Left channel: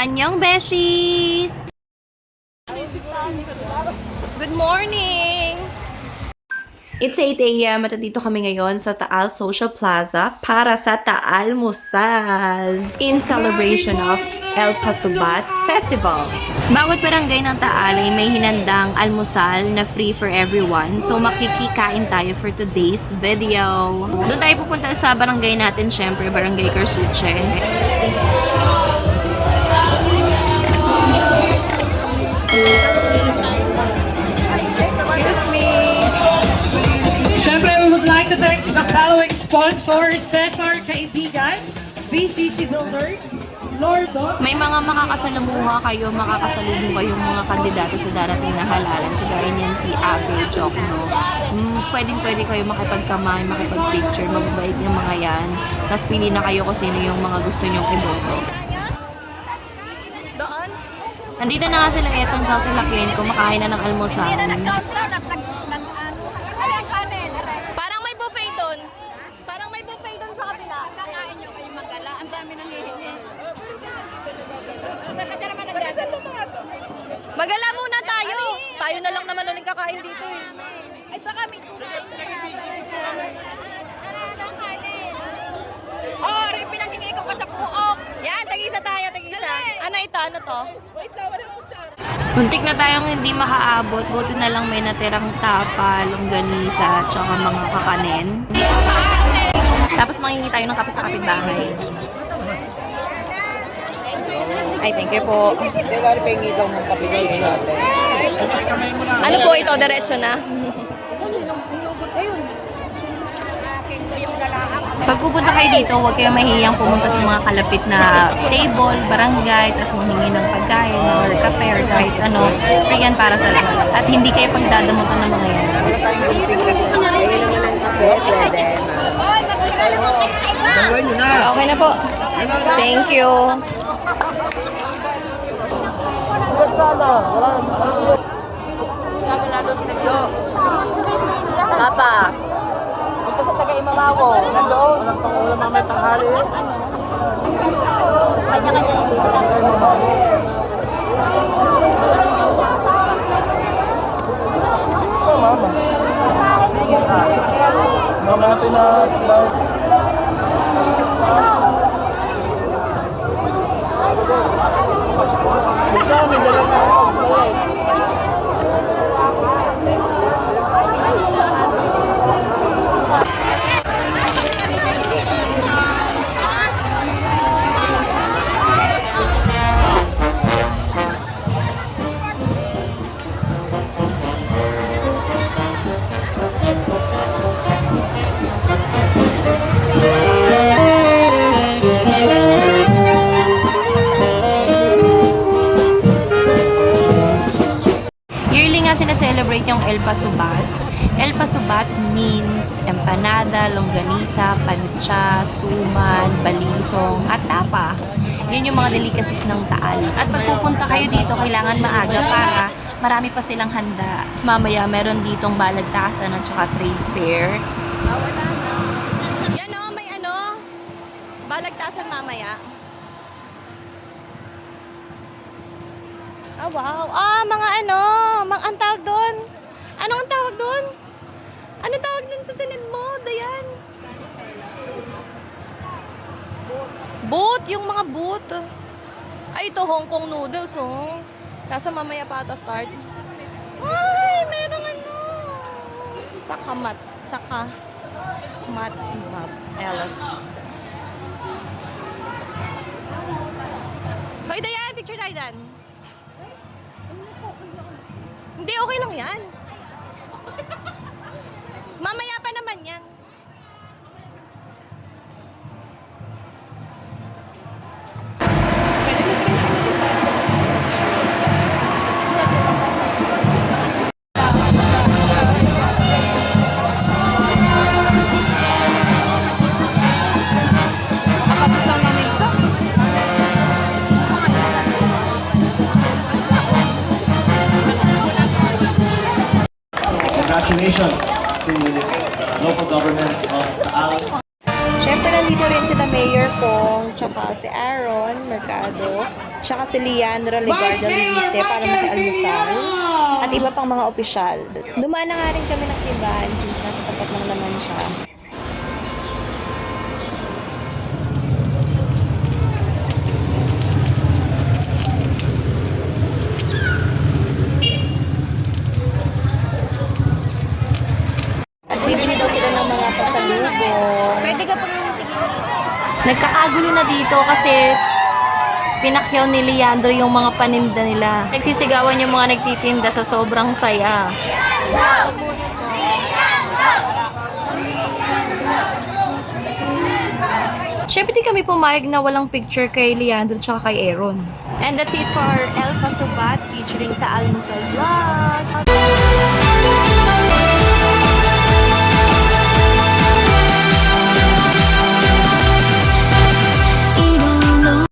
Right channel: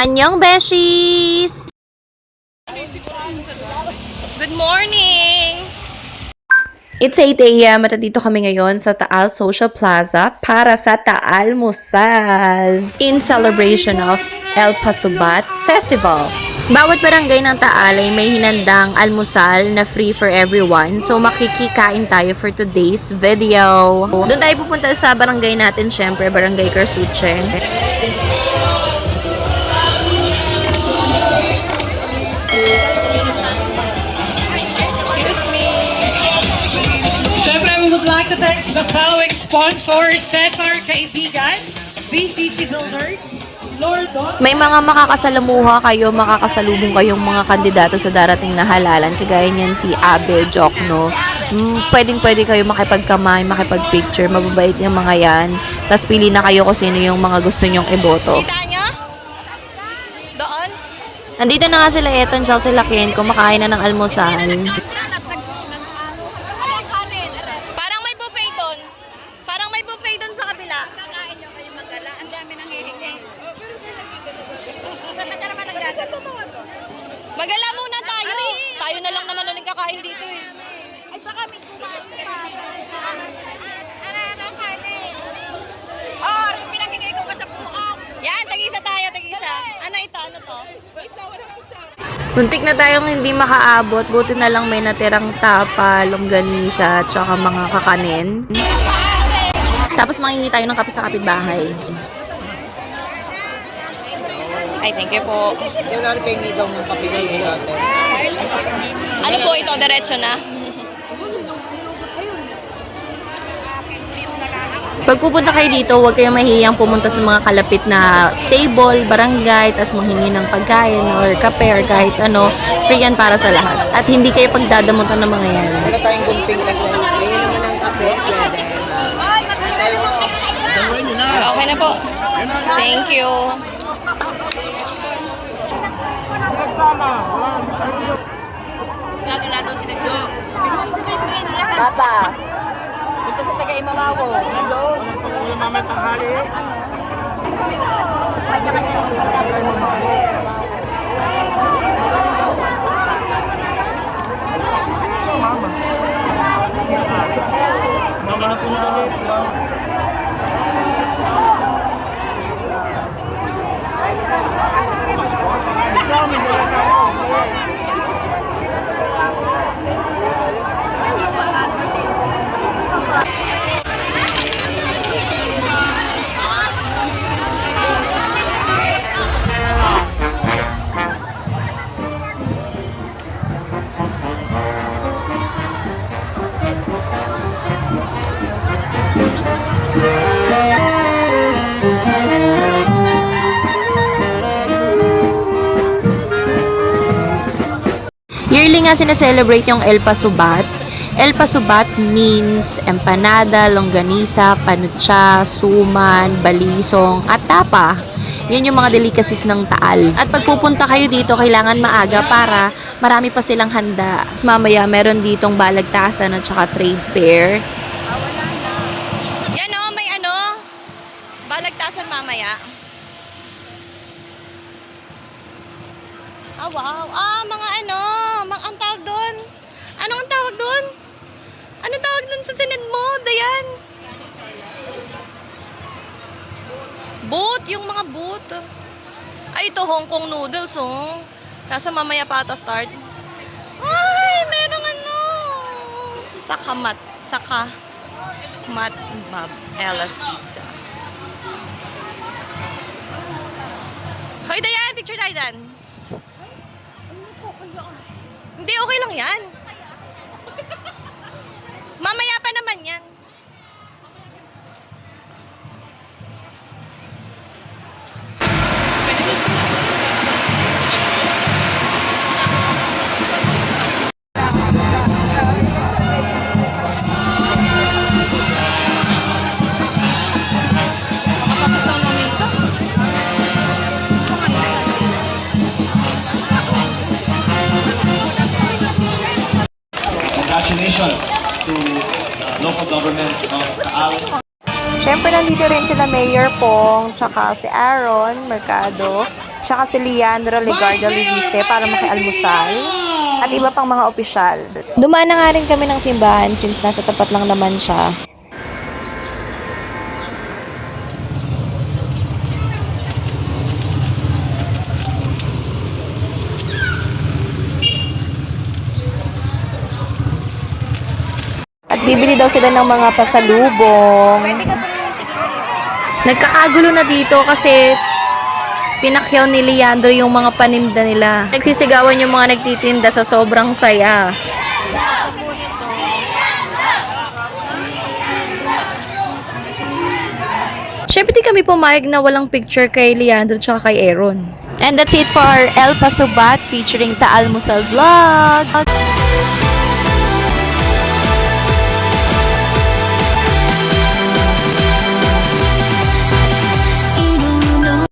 Anyong Beshies! Good morning! It's 8 a.m. at dito kami ngayon sa Taal Social Plaza para sa Taal Musal in celebration of El Pasubat Festival. Bawat barangay ng Taal ay may hinandang almusal na free for everyone. So makikikain tayo for today's video. Doon tayo pupunta sa barangay natin, syempre, Barangay Carsuche. To thank the following sponsors: Cesar Kaibigan, BCC Builders, Lordo. May mga makakasalamuha kayo, makakasalubong kayong mga kandidato sa darating na halalan. Kagaya niyan si Abe Jokno. Pwedeng-pwede kayo makipagkamay, makipagpicture. Mababait yung mga yan. Tapos pili na kayo kung sino yung mga gusto nyong iboto. Kita nyo? Doon? Nandito na nga sila Eton, siya sila Ken, kumakain na ng almusal. Magala muna tayo. Tayo na lang naman ulit kakain dito eh. Ay baka may kumain pa. Oh, rin pinanghingi ko pa sa buong. Yan, tag-isa tayo, tag-isa. Ano ito? Ano to? Wait lang, wala ko dyan. Muntik na tayong hindi makaabot. Buti na lang may natirang tapa, longganisa, tsaka mga kakanin. Tapos mangingi tayo ng kape sa kapitbahay. Ay, thank you po. Kailangan kayo ngigaw ng kapigay natin. Ano po ito? Diretso na. Pag pupunta kayo dito, huwag kayong mahihiyang pumunta sa mga kalapit na table, barangay, tapos manghingi ng pagkain or kape or kahit ano. Free yan para sa lahat. At hindi kayo pagdadamutan ng mga yan. Wala tayong gunting kasi. Kainin ng kape, pwede, ma'am. Dalawan nyo na. Okay na po. Thank you. Papa. Dito sa taga-Imamawo. Nandoon. Walang pangulam namin tanghali. Ito, mama. Mama, ito na. Ikaw, may dala ka ako. Yearly nga sineselebrate yung El Pasubat. El Pasubat means empanada, longganisa, panutsa, suman, balisong, at tapa. Yan yung mga delicacies ng Taal. At pag pupunta kayo dito, kailangan maaga para marami pa silang handa. Mas mamaya, meron ditong balagtasan at saka trade fair. Yan o, may ano, balagtasan mamaya. Oh, wow. Ah, mga ano, ang tawag doon. Anong tawag doon? Anong tawag doon sa sinid mo, Dayan? Boot, yung mga boot. Ay, ito Hong Kong noodles, oh. Kaso mamaya pa ata start. Ay, merong ano. Saka mat bab, Ella's Pizza. Hoy, Dayan, picture tayo dyan. Hindi, okay lang yan. Mamaya pa naman yan. Congratulations to local government of Taal. Siyempre, nandito rin sila Mayor Pong, tsaka si Aaron Mercado. Tsaka si Leandro Legarda Liviste para makialmusal. At iba pang mga opisyal. Dumaan na nga rin kami ng simbahan since nasa tapat lang naman siya. At bibili daw sila ng mga pasalubong. Nagkakagulo na dito kasi pinakyaw ni Leandro yung mga paninda nila. Nagsisigawan yung mga nagtitinda sa sobrang saya. Syempre di kami pumayag na walang picture kay Leandro tsaka kay Aaron. And that's it for our El Paso Bat featuring Taal Musal Vlog.